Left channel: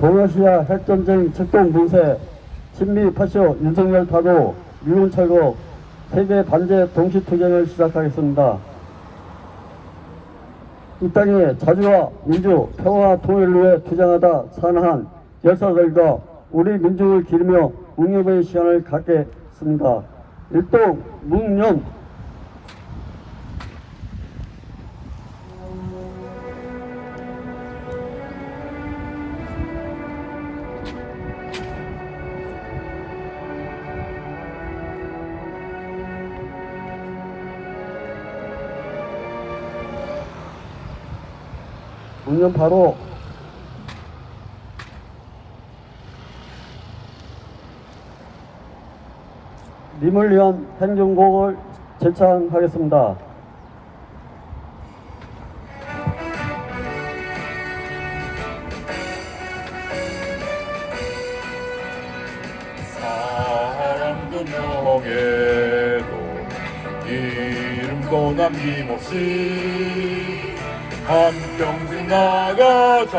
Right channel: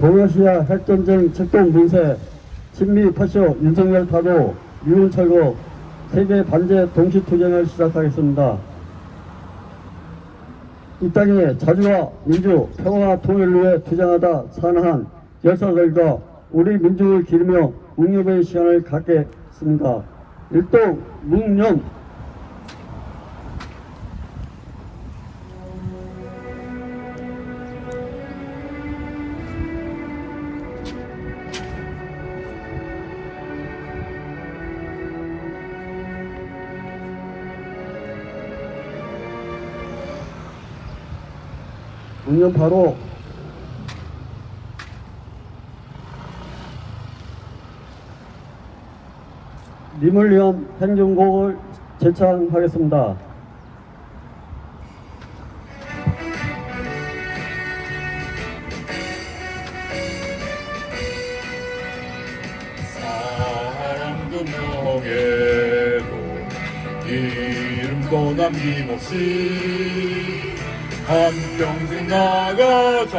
동아시아 핵전쟁 책동 분쇄, 친미 파쇼 윤석열 타도, 미군 철거, 세계 반제 동시투쟁을 시작하겠습니다. 이 땅에 자주와 민주, 평화와 통일을 위해 투쟁하다 산한 열사들과 우리 민족을 기리며 묵념의 시간을 갖겠습니다. 일동 묵념. 묵념 바로 님을 위한 행정곡을 제창하겠습니다. 사랑도 명예도 이름도 남김없이 한평생 나가자던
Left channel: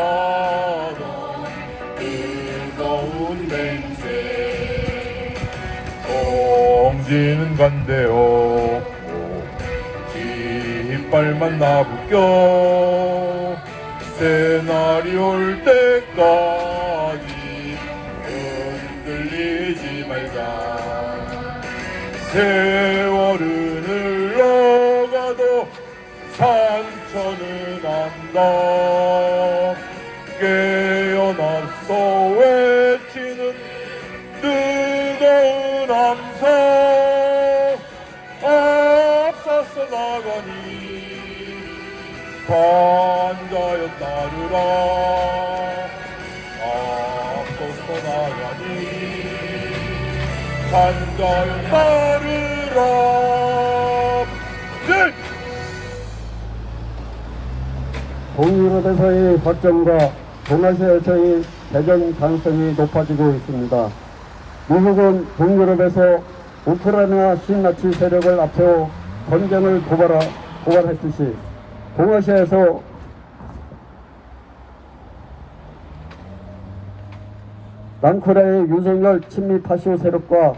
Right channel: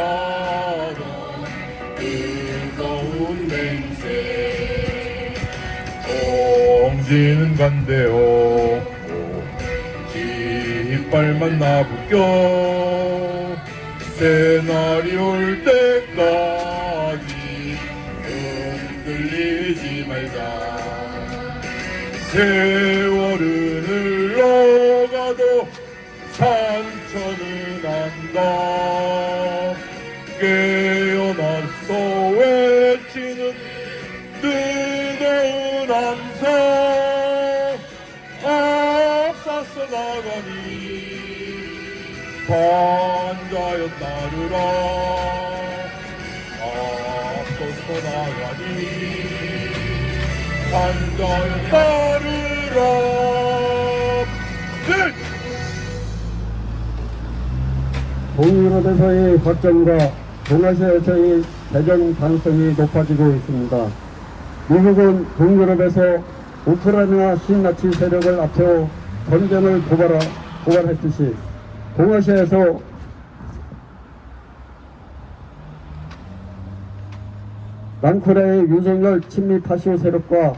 뜨거운 맹세 정지는 간대없고 깃발만 나붙겨 새날이 올 때까지 흔들리지 말자. 세월은 흘러가도 상처는 안다. 깨어났어 외치는 뜨거운 함성 앞서서 나가니 반가여 따르라. 앞서서 나가니 반가여 따르라. 동유럽에서의 발전과 동아시아에서의 대전 가능성이 높아지고 있습니다. 미국은 동유럽에서 우크라이나 신나치 세력을 앞세워 전쟁을 고발했듯이 동아시아에서 남코리아의 윤석열 친미 파쇼 세력과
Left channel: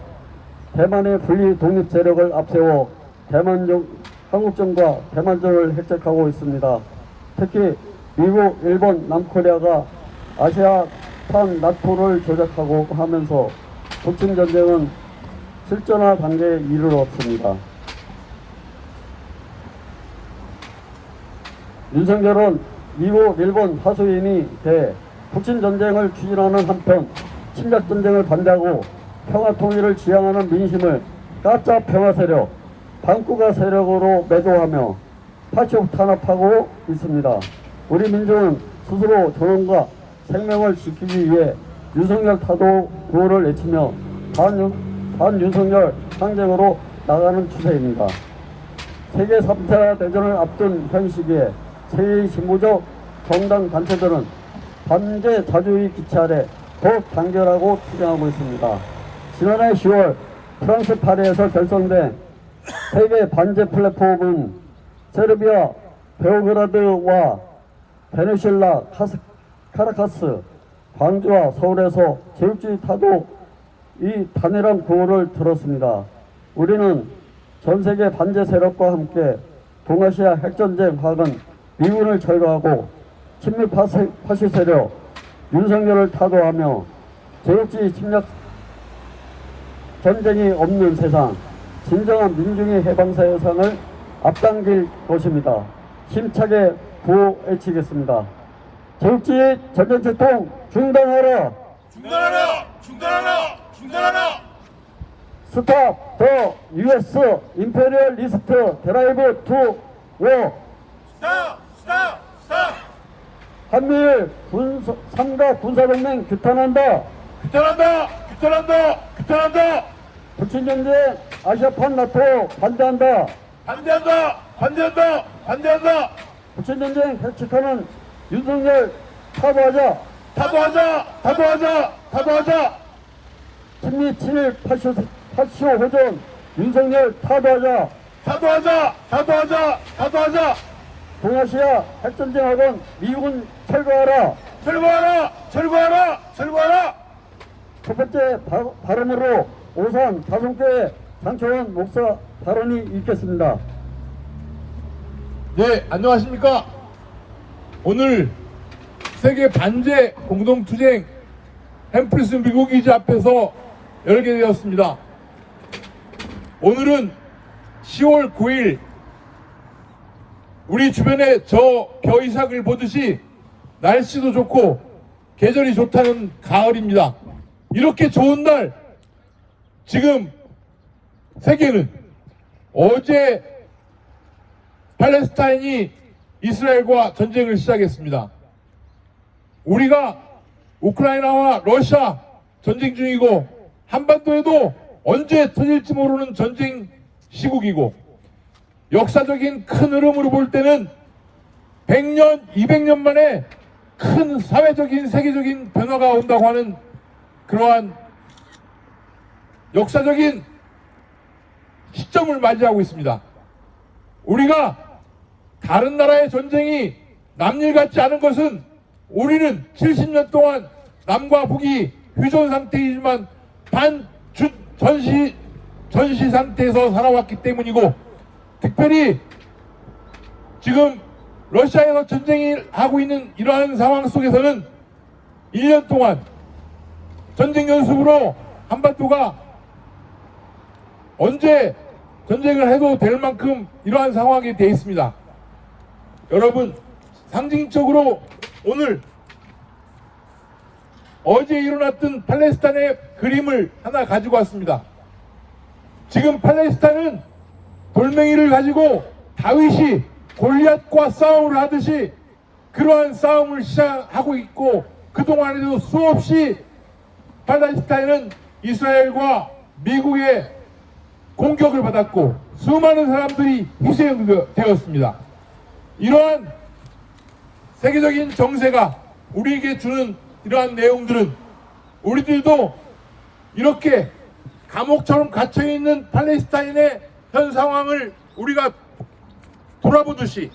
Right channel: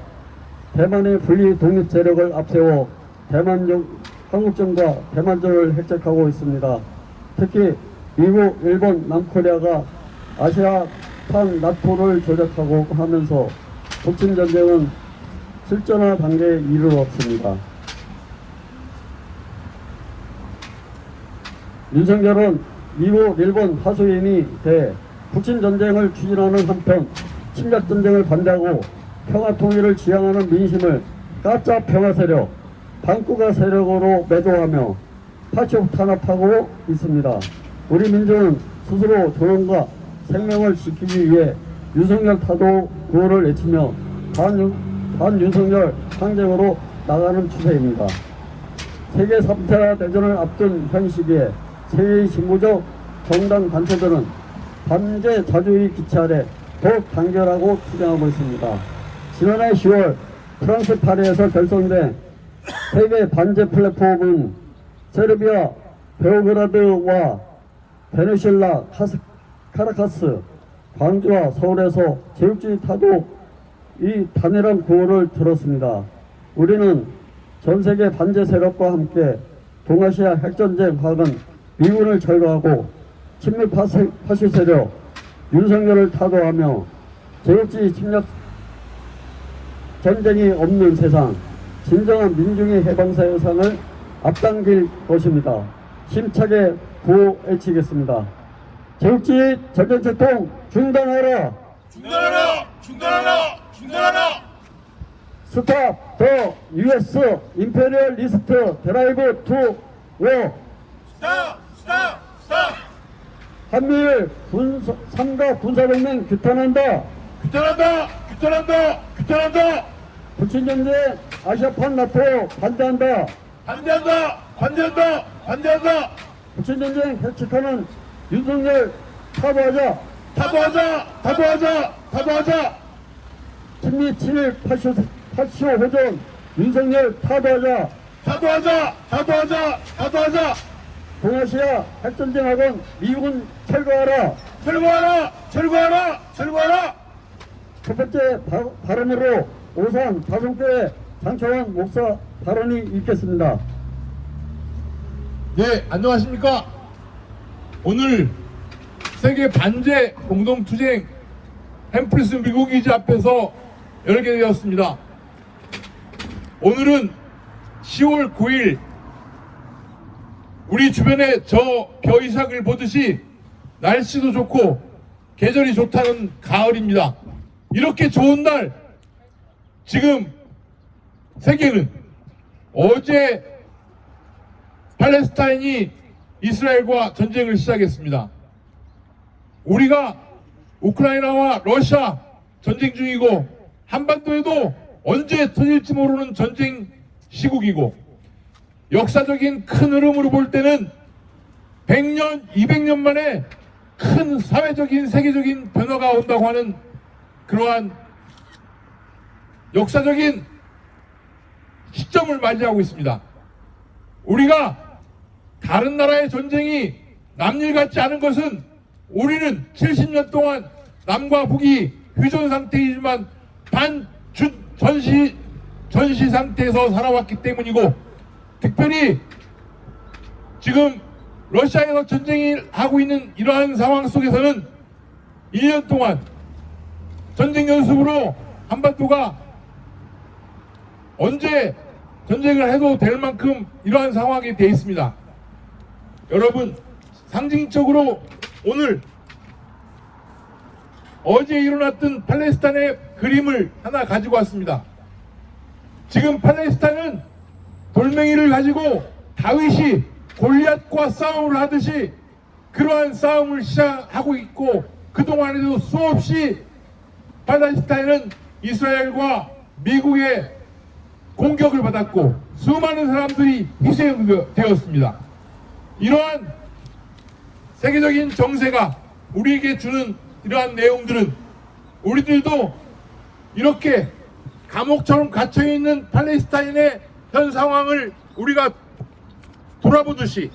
대만의 분리 독립 세력을 앞세워 한국전과 대만전을 획책하고 있습니다. 특히 미국, 일본, 남코리아가 아시아 판 나토를 조작하고 하면서 북침 전쟁은 실전화 단계에 이르렀습니다. 윤석열은 미국, 일본 하수인이 돼 북침 전쟁을 추진하는 한편 침략 전쟁을 반대하고 평화 통일을 지향하는 민심을 가짜 평화 세력, 반국가 세력으로 매도하며 파쇼 탄압하고 있습니다. 우리 민족은 스스로 존엄과 생명을 지키기 위해 윤석열 타도 구호를 외치며 반윤석열 항쟁으로 나가는 추세입니다. 세계 3차 대전을 앞둔 현 시기에 세계의 진보적 정당 단체들은 반제 자주의 기치 아래 더욱 단결하고 투쟁하고 있습니다. 지난해 10월 프랑스 파리에서 결성된 세계 반제 플랫폼은 세르비아 베오그라드와 베네실라, 카라카스, 광주와 서울에서 제육주의 타도 이 단일한 구호를 들었습니다. 우리는 전세계 반제 세력과 함께 동아시아 핵전쟁 화근 미군을 철거하고 친미 파시 세력 윤석열을 타도하며 제국주의 침략 전쟁이 없는 세상, 진정한 민중의 해방사 여상을 앞당길 것입니다. 힘차게 구호 외치겠습니다. 제국주의 전쟁철통 중단하라! 중단하라! 중단하라! 중단하라! 스탑 더 US 임페리얼 리스트 드라이브 투 워. 스탑! 스탑! 스탑! 한미일 삼각 군사동맹 규탄한다. 규탄한다! 규탄한다! 규탄한다! 북침전쟁 아시아판 나토 반대한다. 반대한다! 반대한다! 반대한다! 북침전쟁 획책하는 윤석열 타도하자. 타도하자! 타도하자! 타도하자! 친미 친일 파쇼 호전 윤석열 타도하자. 타도하자! 타도하자! 타도하자! 동아시아 핵전쟁학원 미국은 철거하라. 철거하라! 철거하라! 철거하라! 첫 번째 발언으로 오산 다성교회 장철원 목사 발언이 있겠습니다. 네, 안녕하십니까. 오늘 세계 반제 공동투쟁 햄프리스 미국이지 앞에서 열게 되었습니다. 오늘은 10월 9일 우리 주변에 저 벼이삭을 보듯이 날씨도 좋고 계절이 좋다는 가을입니다. 이렇게 좋은 날 지금 세계는 어제 팔레스타인이 이스라엘과 전쟁을 시작했습니다. 우리가 우크라이나와 러시아 전쟁 중이고 한반도에도 언제 터질지 모르는 전쟁 시국이고 역사적인 큰 흐름으로 볼 때는 100년, 200년 만에 큰 사회적인 세계적인 변화가 온다고 하는 그러한 역사적인 시점을 맞이하고 있습니다. 우리가 다른 나라의 전쟁이 남일 같지 않은 것은 우리는 70년 동안 남과 북이 휴전 상태이지만 전시 상태에서 살아왔기 때문이고 특별히 지금 러시아에서 전쟁이 하고 있는 이러한 상황 속에서는 1년 동안 전쟁 연습으로 한반도가 언제 전쟁을 해도 될 만큼 이러한 상황이 되어 있습니다. 여러분, 상징적으로 오늘 어제 일어났던 팔레스타인의 그림을 하나 가지고 왔습니다. 지금 팔레스타인은 돌멩이를 가지고 다윗이 골리앗과 싸움을 하듯이 그러한 싸움을 시작하고 있고 그동안에도 수없이 팔레스타인은 이스라엘과 미국의 공격을 받았고 수많은 사람들이 희생되었습니다. 이러한 세계적인 정세가 우리에게 주는 이러한 내용들은 우리들도 이렇게 감옥처럼 갇혀있는 팔레스타인의 현 상황을 우리가 돌아보듯이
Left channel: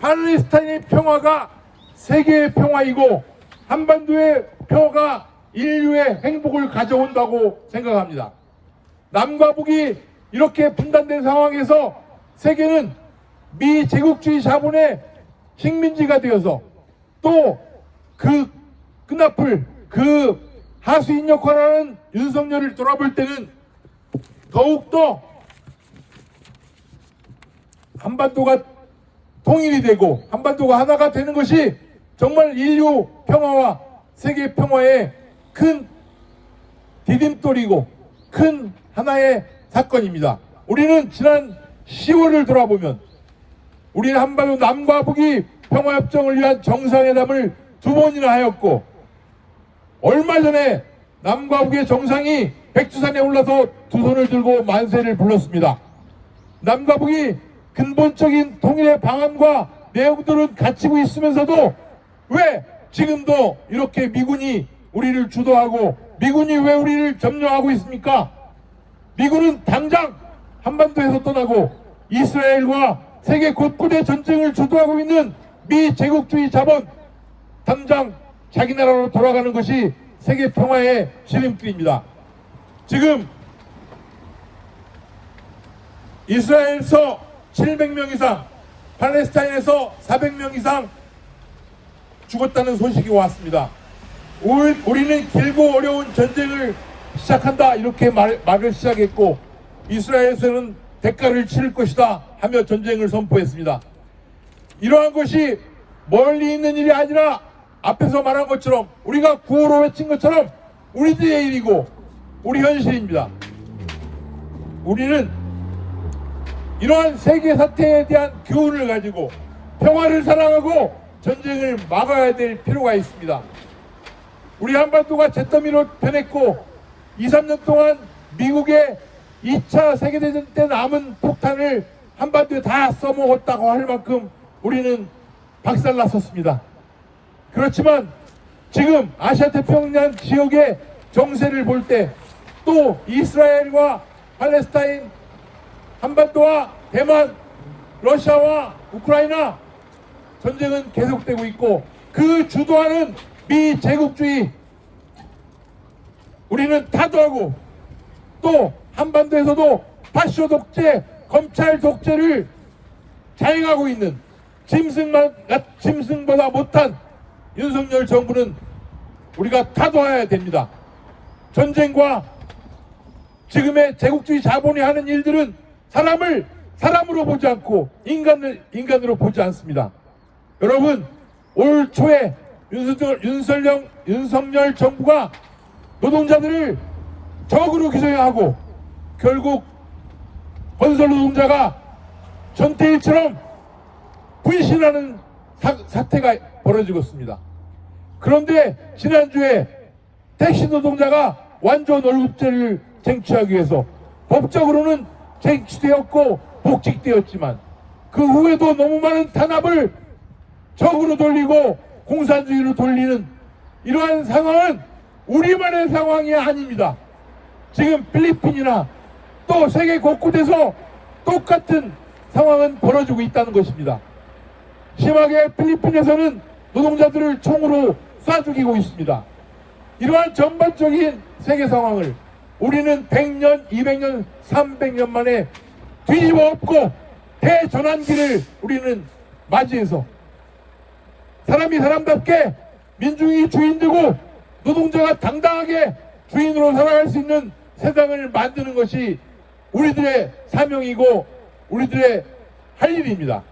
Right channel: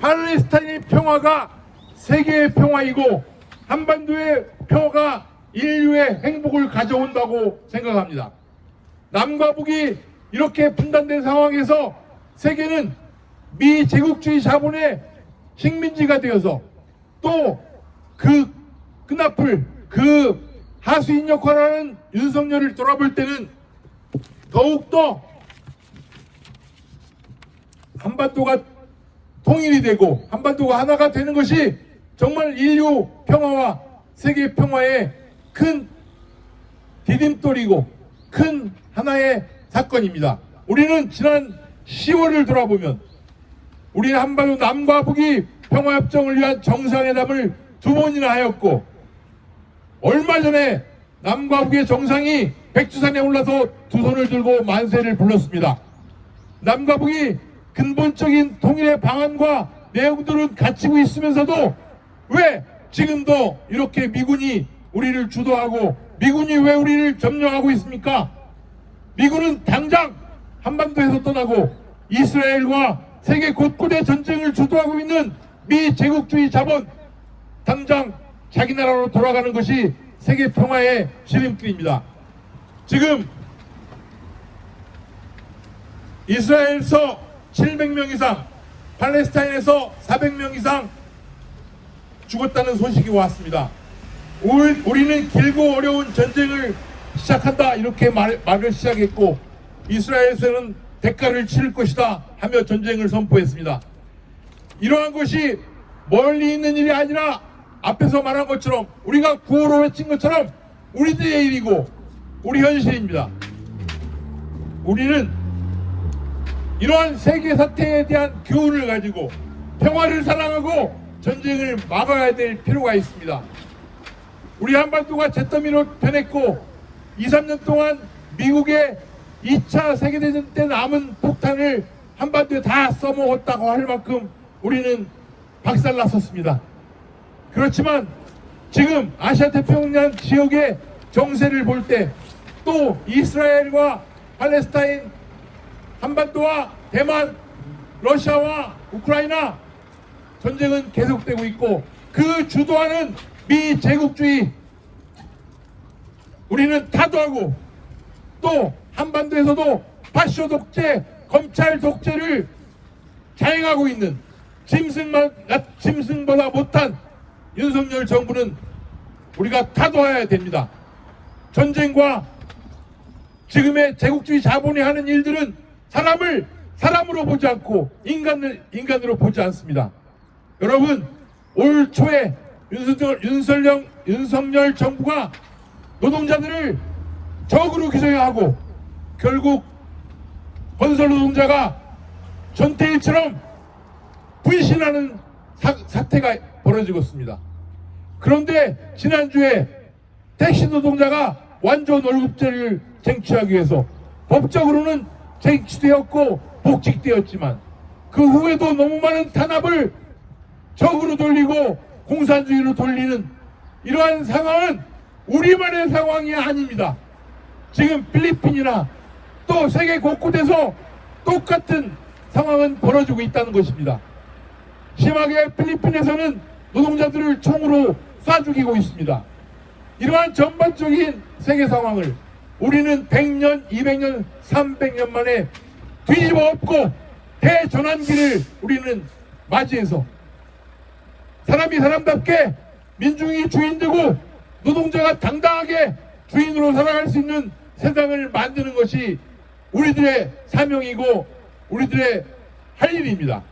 팔레스타인의 평화가 세계의 평화이고 한반도의 평화가 인류의 행복을 가져온다고 생각합니다. 남과 북이 이렇게 분단된 상황에서 세계는 미 제국주의 자본의 식민지가 되어서 또 그 끈앞을 그 하수인 역할을 하는 윤석열을 돌아볼 때는 더욱더 한반도가 통일이 되고 한반도가 하나가 되는 것이 정말 인류 평화와 세계 평화의 큰 디딤돌이고 큰 하나의 사건입니다. 우리는 지난 10월을 돌아보면 우리는 한반도 남과 북이 평화협정을 위한 정상회담을 2번이나 하였고 얼마 전에 남과 북의 정상이 백두산에 올라서 두 손을 들고 만세를 불렀습니다. 남과 북이 근본적인 통일의 방안과 내용들은 갖추고 있으면서도 왜 지금도 이렇게 미군이 우리를 주도하고 미군이 왜 우리를 점령하고 있습니까? 미군은 당장 한반도에서 떠나고 이스라엘과 세계 곳곳의 전쟁을 주도하고 있는 미 제국주의 자본 당장 자기 나라로 돌아가는 것이 세계 평화의 지름길입니다. 지금 이스라엘에서 700명 이상, 팔레스타인에서 400명 이상 죽었다는 소식이 왔습니다. 우리는 길고 어려운 전쟁을 시작한다 이렇게 말을 시작했고 이스라엘에서는 대가를 치를 것이다 하며 전쟁을 선포했습니다. 이러한 것이 멀리 있는 일이 아니라 앞에서 말한 것처럼 우리가 구호로 외친 것처럼 우리들의 일이고 우리 현실입니다. 우리는 이러한 세계 사태에 대한 교훈을 가지고 평화를 사랑하고 전쟁을 막아야 될 필요가 있습니다. 우리 한반도가 잿더미로 변했고 2, 3년 동안 미국의 2차 세계대전 때 남은 폭탄을 한반도에 다 써먹었다고 할 만큼 우리는 박살났었습니다. 그렇지만 지금 아시아 태평양 지역의 정세를 볼 때 또 이스라엘과 팔레스타인, 한반도와 대만, 러시아와 우크라이나 전쟁은 계속되고 있고 그 주도하는 미 제국주의 우리는 타도하고 또 한반도에서도 파쇼 독재, 검찰 독재를 자행하고 있는 짐승보다 못한 윤석열 정부는 우리가 타도해야 됩니다. 전쟁과 지금의 제국주의 자본이 하는 일들은 사람을 사람으로 보지 않고 인간으로 보지 않습니다. 여러분, 올 초에 윤석열 정부가 노동자들을 적으로 규정하고 결국 건설 노동자가 전태일처럼 분신하는 사태가 벌어지고 있습니다. 그런데 지난주에 택시 노동자가 완전 월급제를 쟁취하기 위해서 법적으로는 쟁취되었고 복직되었지만 그 후에도 너무 많은 탄압을 적으로 돌리고 공산주의로 돌리는 이러한 상황은 우리만의 상황이 아닙니다. 지금 필리핀이나 또 세계 곳곳에서 똑같은 상황은 벌어지고 있다는 것입니다. 심하게 필리핀에서는 노동자들을 총으로 쏴 죽이고 있습니다. 이러한 전반적인 세계 상황을 우리는 100년, 200년, 300년 만에 뒤집어 엎고 대전환기를 우리는 맞이해서 사람이 사람답게 민중이 주인되고 노동자가 당당하게 주인으로 살아갈 수 있는 세상을 만드는 것이 우리들의 사명이고 우리들의 할 일입니다.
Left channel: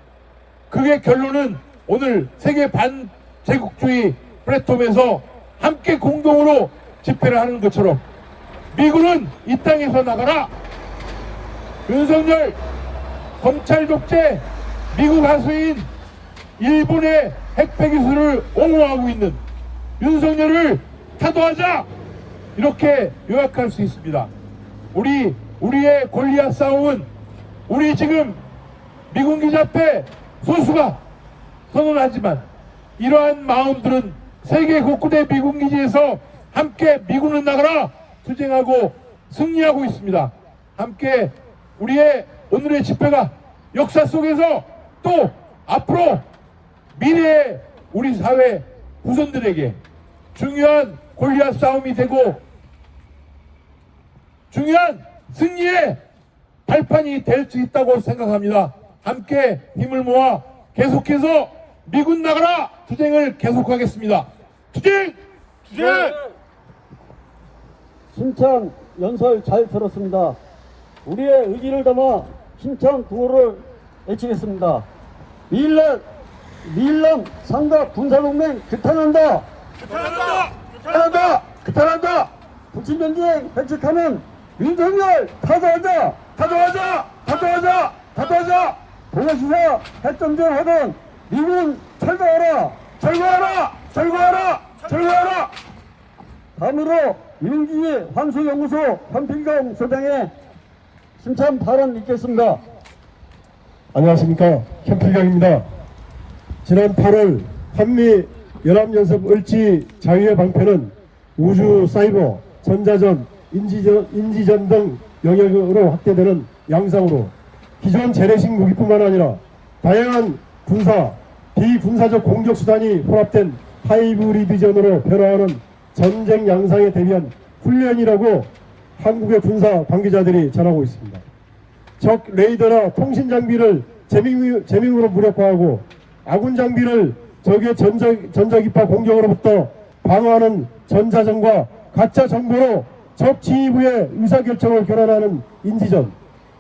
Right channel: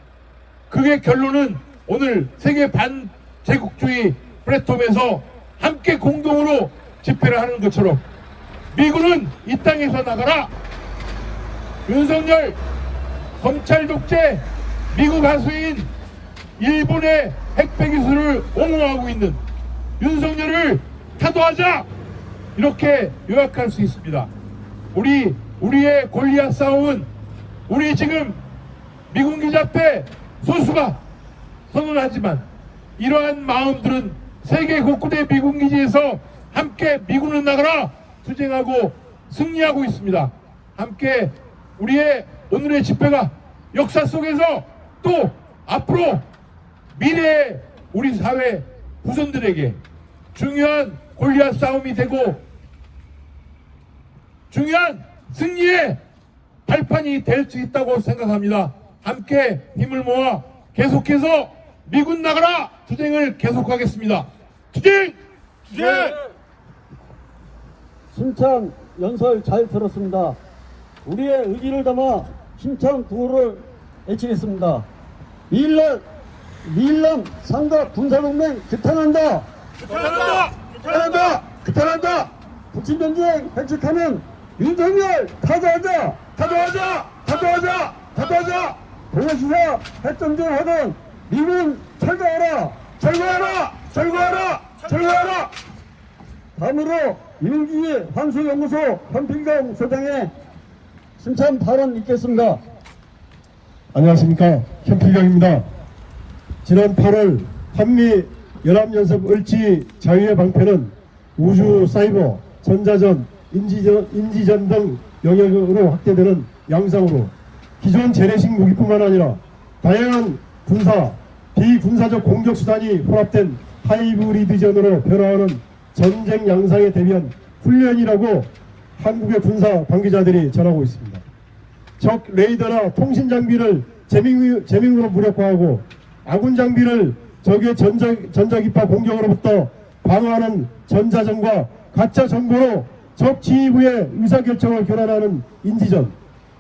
그게 결론은 오늘 세계 반제국주의 플랫폼에서 함께 공동으로 집회를 하는 것처럼 미군은 이 땅에서 나가라! 윤석열 검찰 독재 미국 하수인 일본의 핵폐 기술을 옹호하고 있는 윤석열을 타도하자! 이렇게 요약할 수 있습니다. 우리의 골리앗 싸움은 우리 지금 미군 기지 앞에 소수가 선언하지만 이러한 마음들은 세계 곳곳의 미군 기지에서 함께 미군은 나가라 투쟁하고 승리하고 있습니다. 함께 우리의 오늘의 집회가 역사 속에서 또 앞으로 미래의 우리 사회 후손들에게 중요한 골리앗 싸움이 되고 중요한 승리의 발판이 될 수 있다고 생각합니다. 함께 힘을 모아 계속해서 미군 나가라 투쟁을 계속하겠습니다. 투쟁! 투쟁! 신청 연설 잘 들었습니다. 우리의 의지를 담아 신청 구호를 외치겠습니다. 미일남 삼각 군사동맹 규탄한다! 규탄한다! 규탄한다! 규탄한다! 북침전쟁 백축하는 윤석열 타도하자! 타도하자! 타도하자! 타도하자! 동해시사 핵전쟁 하던 미군 철거하라! 철거하라! 철거하라! 철거하라! 다음으로 윤기희 환수연구소 현필경 소장의 신참 발언 읽겠습니다. 안녕하십니까, 현필경입니다. 지난 8월 한미 연합연습 을지 자유의 방패는 우주, 사이버, 전자전, 인지전 등 영역으로 확대되는 양상으로 기존 재래식 무기뿐만 아니라 다양한 군사, 비군사적 공격 수단이 혼합된 하이브리드전으로 변화하는 전쟁 양상에 대비한 훈련이라고 한국의 군사 관계자들이 전하고 있습니다. 적 레이더나 통신 장비를 재밍으로 무력화하고 아군 장비를 적의 전자기파 공격으로부터 방어하는 전자전과 가짜 정보로 적 진입 후에 의사결정을 결혼하는 인지전,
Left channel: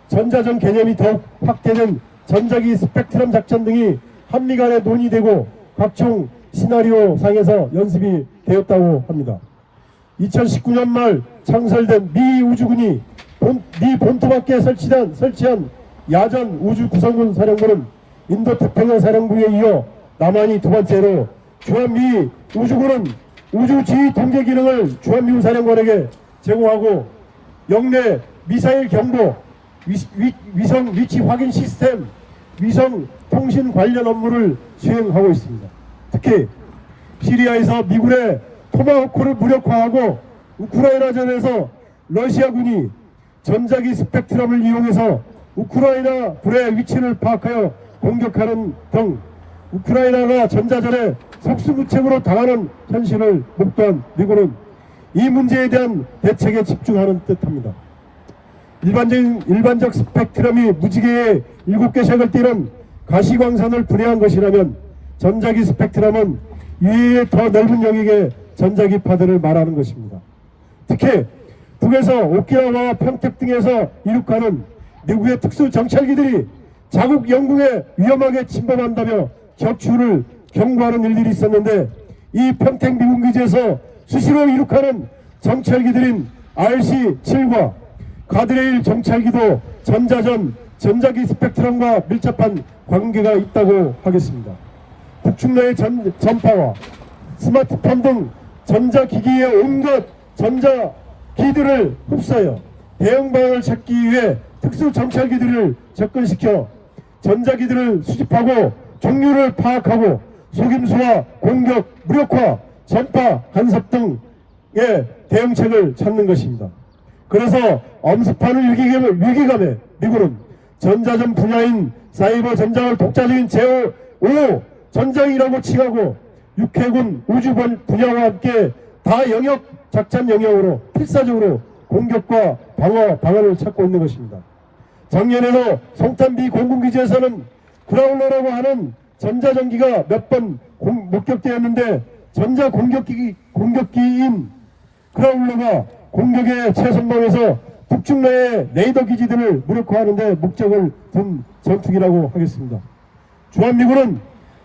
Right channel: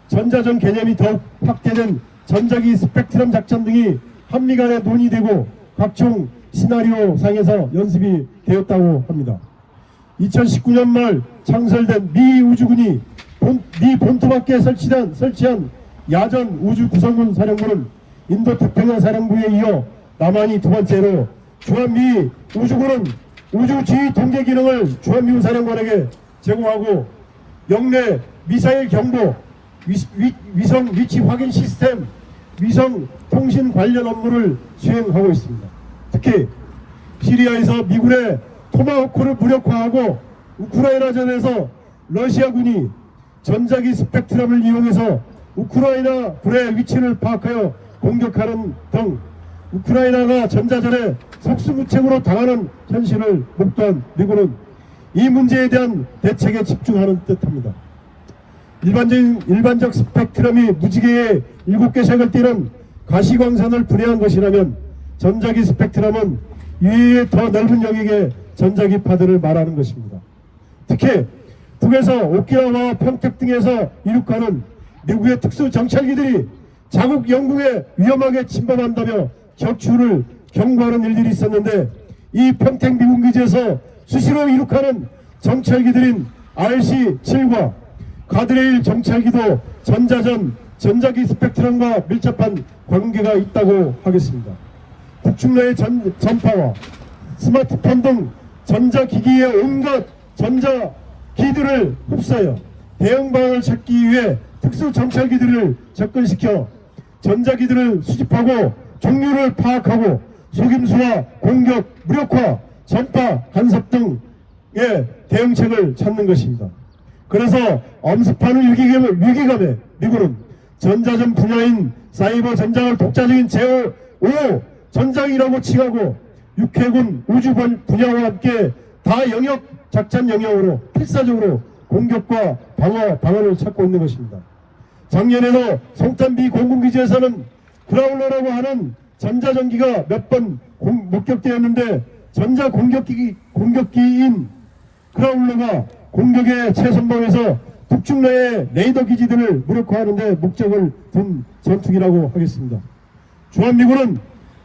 전자전 개념이 더욱 확대된 전자기 스펙트럼 작전 등이 한미 간에 논의되고 각종 시나리오 상에서 연습이 되었다고 합니다. 2019년 말 창설된 미 우주군이 미 본토 밖에 설치한 야전 우주 구성군 사령부는 인도 태평양 사령부에 이어 남한이 두 번째로 주한미 우주군은 우주 지휘 통제 기능을 주한미군 사령관에게 제공하고 영내 미사일 경보, 위성 위치 확인 시스템, 위성 통신 관련 업무를 수행하고 있습니다. 특히 시리아에서 미군의 토마호크를 무력화하고 우크라이나전에서 러시아군이 전자기 스펙트럼을 이용해서 우크라이나 군의 위치를 파악하여 공격하는 등 우크라이나가 전자전에 속수무책으로 당하는 현실을 목도한 미국은 이 문제에 대한 대책에 집중하는 듯합니다. 일반적 스펙트럼이 무지개의 7개 색을 띠는 가시광선을 분해한 것이라면 전자기 스펙트럼은 이외의 더 넓은 영역의 전자기파들을 말하는 것입니다. 특히 북에서 오키나와와 평택 등에서 이륙하는 미국의 특수 정찰기들이 자국 영국에 위험하게 침범한다며 격추를 경고하는 일들이 있었는데 이 평택 미군 기지에서 수시로 이륙하는 정찰기들인 RC-7과 가드레일 정찰기도 전자기 스펙트럼과 밀접한 관계가 있다고 하겠습니다. 북측로의 전파와 스마트폰 등 전자기기의 온갖 전자기들을 흡수하여 대응방을 찾기 위해 특수 정찰기들을 접근시켜 전자기들을 수집하고 종류를 파악하고 속임수와 공격, 무력화, 전파, 간섭 등의 대응책을 찾는 것입니다. 그래서 엄습하는 위기감에 미국은 전자전 분야인 사이버 전장을 독자적인 제5 전장이라고 칭하고 육해군 우주 분야와 함께 다영역 작전 영역으로 필사적으로 공격과 방어 방안을 찾고 있는 것입니다. 작년에도 송탄비 공군기지에서는 그라울러라고 하는 전자전기가 몇 번 목격되었는데 전자 공격기인 그라울러가 공격의 최선봉에서 북측로의 레이더 기지들을 무력화하는 데 목적을 둔 전투기라고 하겠습니다. 주한미군은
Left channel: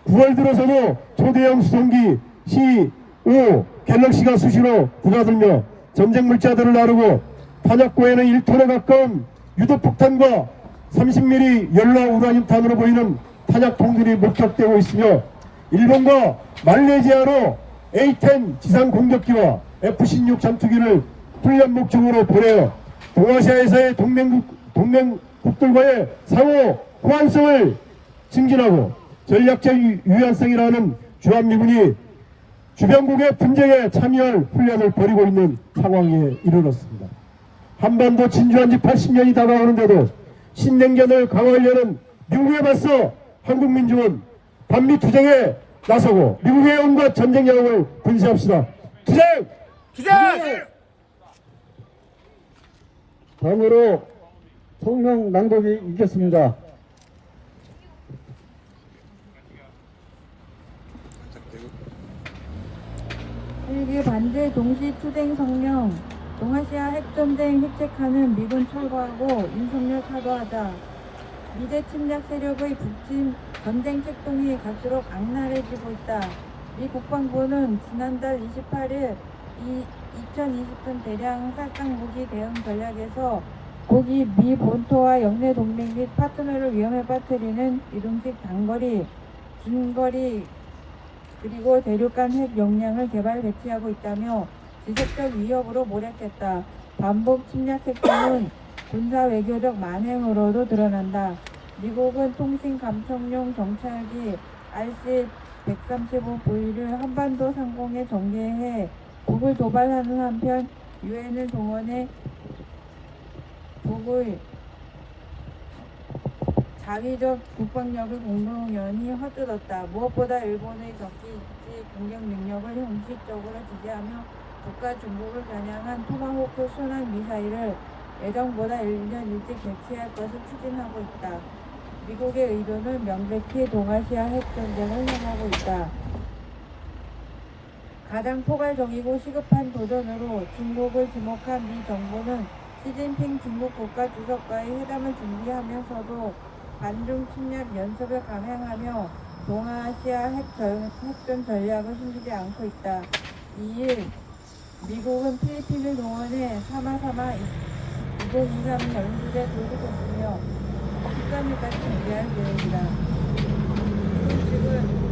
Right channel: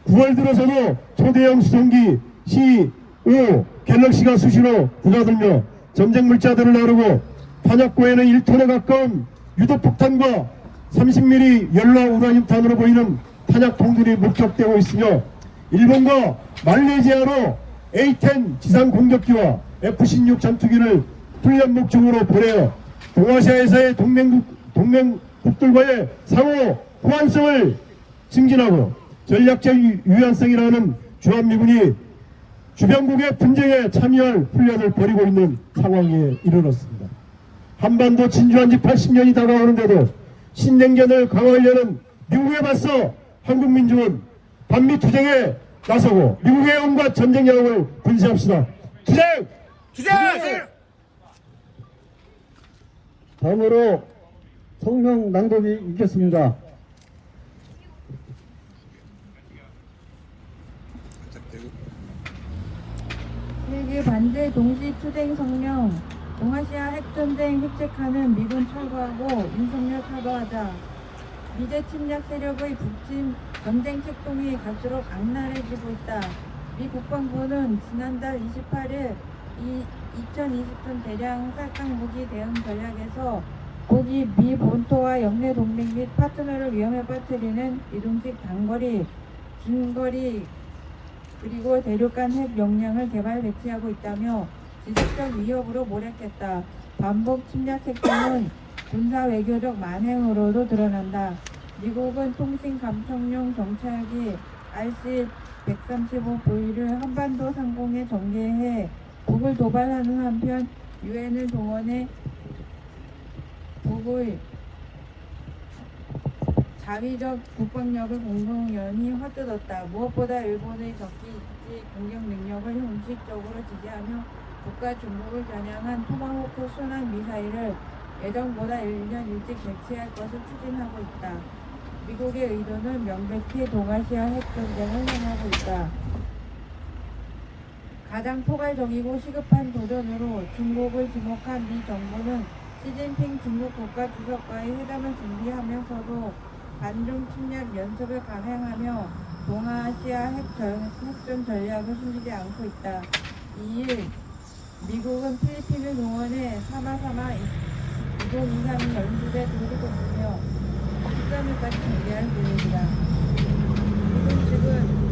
9월 들어서도 초대형 수송기 C-5 갤럭시가 수시로 드나들며 전쟁 물자들을 나르고 탄약고에는 1톤에 가까운 유도폭탄과 30mm 연라 우라늄탄으로 보이는 탄약통들이 목격되고 있으며 일본과 말레이시아로 A-10 지상 공격기와 F-16 전투기를 훈련 목적으로 보내어 동아시아에서의 동맹국들과의 상호 호환성을 증진하고 전략적 유연성이라는 주한미군이 주변국의 분쟁에 참여할 훈련을 벌이고 있는 상황에 이르렀습니다. 한반도 진주한 지 80년이 다가오는데도 신냉전을 강화하려는 미국에 맞서 한국민중은 반미 투쟁에 나서고 미국의 온갖 전쟁 영역을 분쇄합시다. 투쟁! 다음으로 성명 낭독이 있겠습니다. 세계 반대 동시 투쟁 성명. 동아시아 핵전쟁 획책하는 미군 철거하고 윤석열 탈거하자. 미제 침략 세력의 북진 전쟁 책동이 갈수록 악랄해지고 있다. 미 국방부는 지난달 28일 2020년 대량 살상 무기 대응 전략에서 고기 미 본토와 영내 동맹 및 파트너를 위험에 빠뜨리는 이동식 단거리, 중거리 그리고 대륙간 핵 용량을 개발 배치하고 있다며 지속적 위협으로 몰약했다. 반복 침략 책동은 군사 외교적 만행으로도 드러난다. 미국은 통신 감청용 정찰기 RC-135V를 한반도 상공에 전개해 북을 도발하는 한편 유엔을 동원해 북의 자위적 국방력을 공동연히 헛뜯었다. 무엇보다 일본의 적기지 공격 능력을 형식적으로 지지하며 북과 중국을 겨냥한 토마호크 순항 미사일을 예정보다 1년 일찍 배치할 것을 추진하고 있다. 미국의 의도는 명백히 동아시아 핵전쟁을 향하고 있다. 가장 포괄적이고 시급한 도전으로 중국을 지목한 미 정부는 시진핑 중국 국가주석과의 회담을 준비하면서도 반중 침략 연습을 감행하며 동아시아 핵전 전략을 숨기지 않고 있다. 2일 미국은 필리핀을 동원해 사마사마 2023 연습에 돌입했으며 13일까지 준비할 계획이다. 미국 측은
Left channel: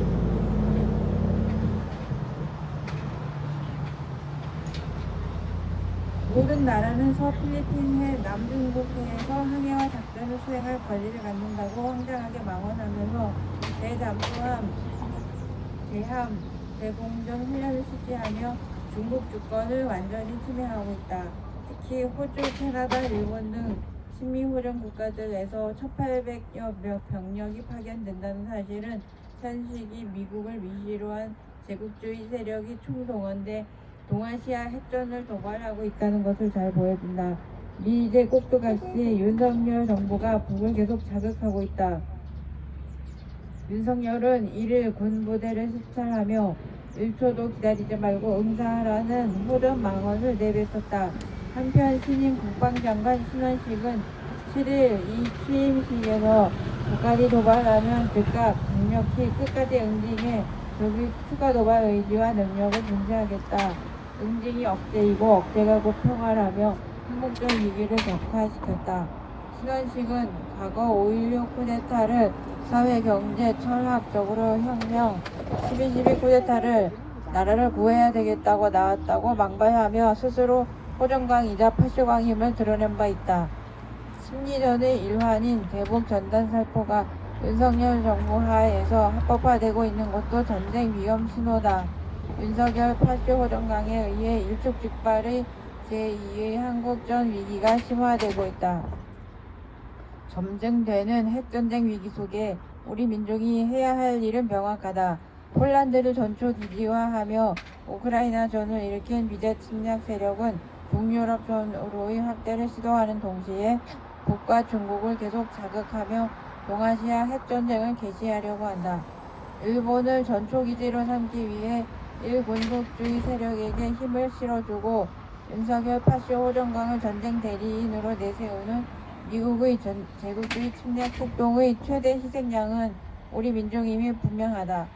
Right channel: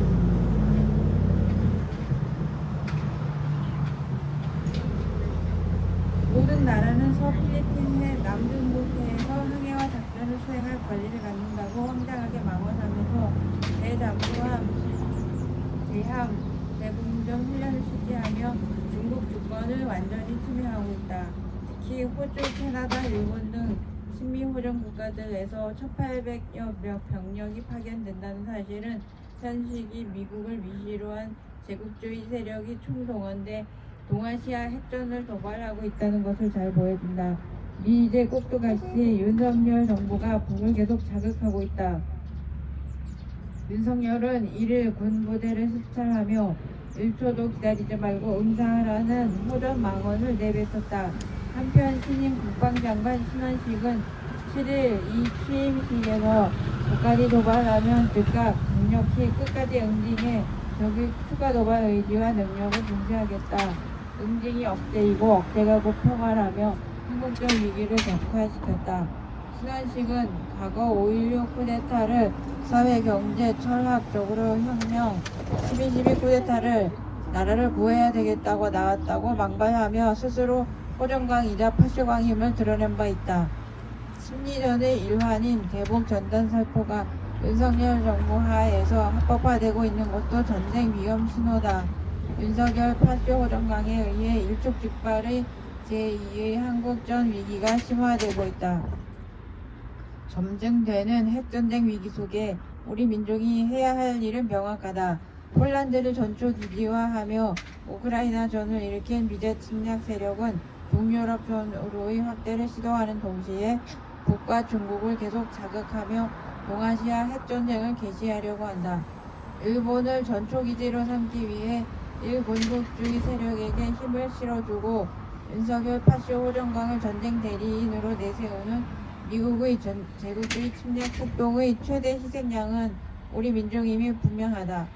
모든 나라는 서필리핀 해 남중국해에서 항해와 작전을 수행할 권리를 갖는다고 황당하게 망언하면서 대잠수함, 대함, 대공전 훈련을 실시하며 중국 주권을 완전히 침해하고 있다. 특히 호주, 캐나다, 일본 등 친미호령 국가들에서 1,800여 명 병력이 파견된다는 사실은 현 시기 미국을 위시로 한 제국주의 세력이 총동원돼 동아시아 핵전을 도발하고 있다는 것을 잘 보여준다. 미제 꼭두각시 윤석열 정부가 북을 계속 자극하고 있다. 윤석열은 1일 군부대를 시찰하며 1초도 기다리지 말고 응사하라는 호전 망언을 내뱉었다. 한편 신임 국방장관 신원식은 7일 이 취임식에서 북한이 도발하면 즉각 강력히 끝까지 응징해 적의 추가 도발 의지와 능력을 존재하겠다. 응징이 억제이고 억제가 곧 평화라며 한국적 위기를 격화시켰다. 신원식은 과거 5.16 쿠데타를 사회, 경제, 철학적으로 혁명, 12.12 쿠데타를 나라를 구해야 되겠다고 나왔다고 망발하며 스스로 호정광이자 파쇼광 힘을 드러낸 바 있다. 심리전의 일환인 대북 전단 살포가 윤석열 정부 하에서 합법화되고 있는 것도 전쟁 위험 신호다. 윤석열 파쇼 호정광에 의해 일촉즉발의 제2의 한국전 위기가 심화되고 있다. 점증되는 핵전쟁 위기 속에 우리 민족이 해야 할 일은 명확하다. 폴란드를 전초 기지화하며 우크라이나 전을 일으킨 미제 침략 세력은 북유럽 전으로의 확대를 시도하는 동시에 북과 중국을 계속 자극하며 동아시아 핵전쟁을 개시하려고 한다. 일본을 전초기지로 삼기 위해 일군국주의 세력에게 힘을 실어주고 윤석열 파쇼 호정광을 전쟁 대리인으로 내세우는 미국의 제국주의 침략 폭동의 최대 희생양은 우리 민족임이 분명하다.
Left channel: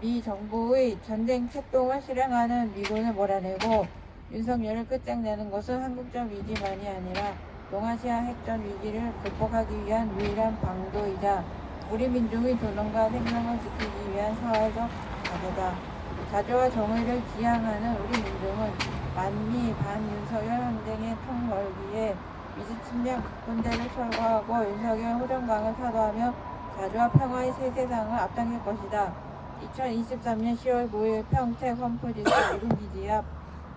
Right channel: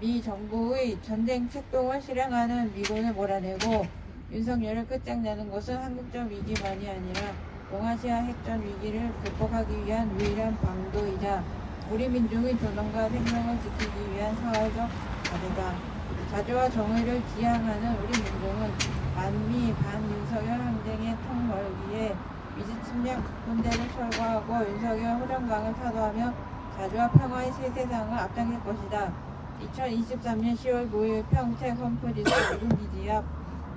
미 정부의 전쟁策동을 실행하는 미군을 몰아내고 윤석열을 끝장내는 것은 한국적 위기만이 아니라 동아시아 핵전 위기를 극복하기 위한 유일한 방도이자 우리 민족의 존엄과 생명을 지키기 위한 사회적 과제다. 자주와 정의를 지향하는 우리 민족은 반미 반윤석열 항쟁의 총궐기에 미지 침략 군대를 철거하고 윤석열 호정광을 타도하며 자주와 평화의 새 세상을 앞당길 것이다. 2023년 10월 9일 평택 험프리스 미군기지 앞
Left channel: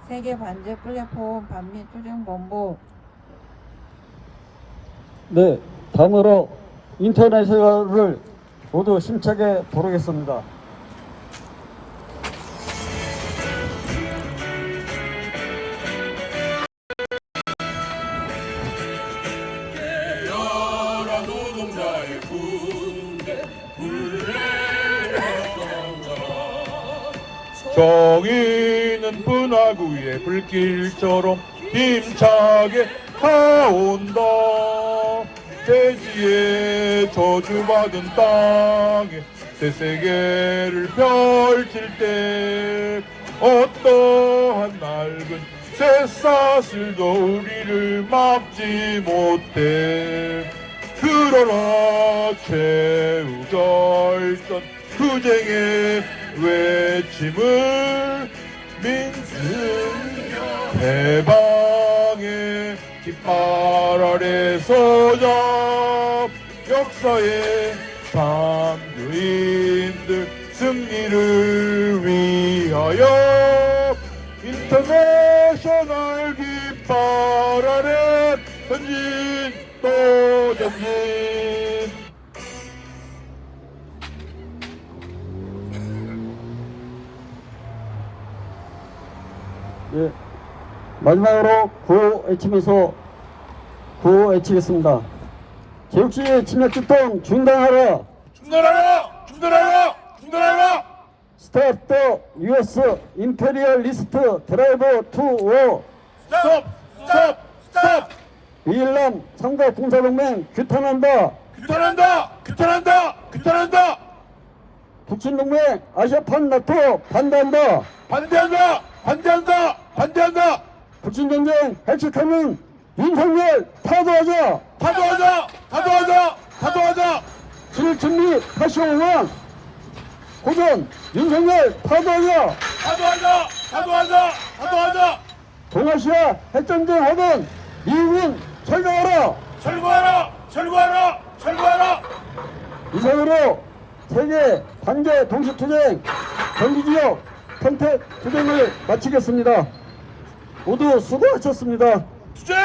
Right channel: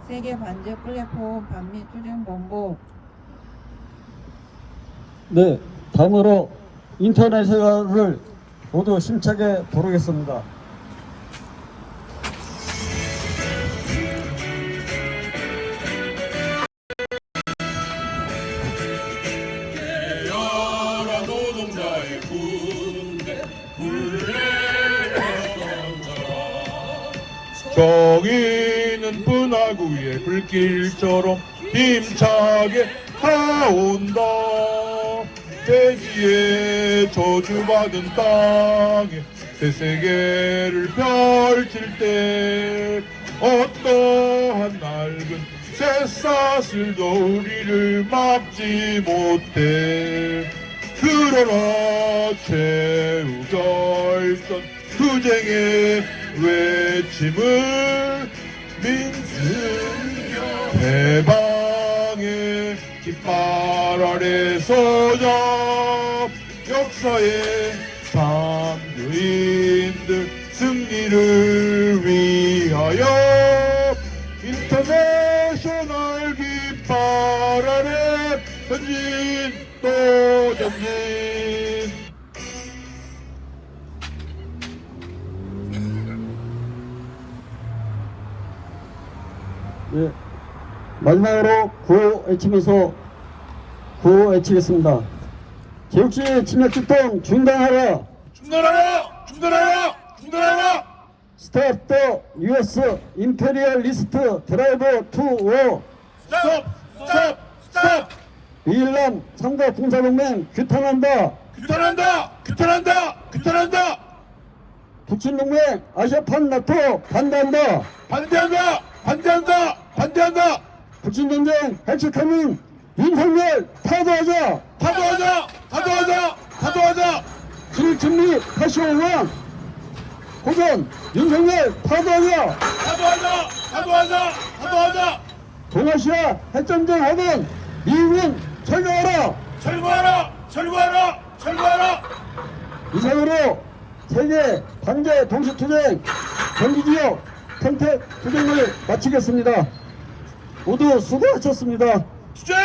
세계 반제 플랫폼 반미 투쟁 본부. 네, 다음으로 인터내셔널을 모두 심차게 부르겠습니다. 여러 노동자의 군대 불레어라 정의는 분화구의 불길처럼 힘차게 타온다. 대지에 저주받은 땅에 새 세계를 펼칠 때 어떠한 낡은 쇠사슬도 우리를 막지 못해. 그러나 최후 결전 투쟁의 외침을 민주명 대방의 깃발 아래 서자 역사의 참주인들 승리를 위하여 인터내셔널 깃발 아래 전진 또 전진. 네, 마지막으로 구호 외치면서 구호 외치겠습니다. 제국주의 침략집동 중단하라. 중단하라! 중단하라! 중단하라! Stop the U.S. imperialist drive to war. 스톱! 스톱! 스톱! 위일남 삼각 군사동맹 규탄한다. 규탄한다! 규탄한다! 규탄한다! 북친동맹 아시아판 나토 반대한다. 반대한다! 반대한다! 반대한다! 북친전쟁 해책하는 윤석열 타도하자. 타도하자! 타도하자! 타도하자! 7.12 파쇼왕 고전 윤석열 타도하자. 타도하자! 타도하자! 타도하자! 동아시아 핵전쟁 하던 미국은 철거하라. 철거하라! 철거하라! 철거하라! 이상으로 세계 반제 동시투쟁 전기지역 평택 투쟁을 마치겠습니다. 모두 수고하셨습니다. 투쟁!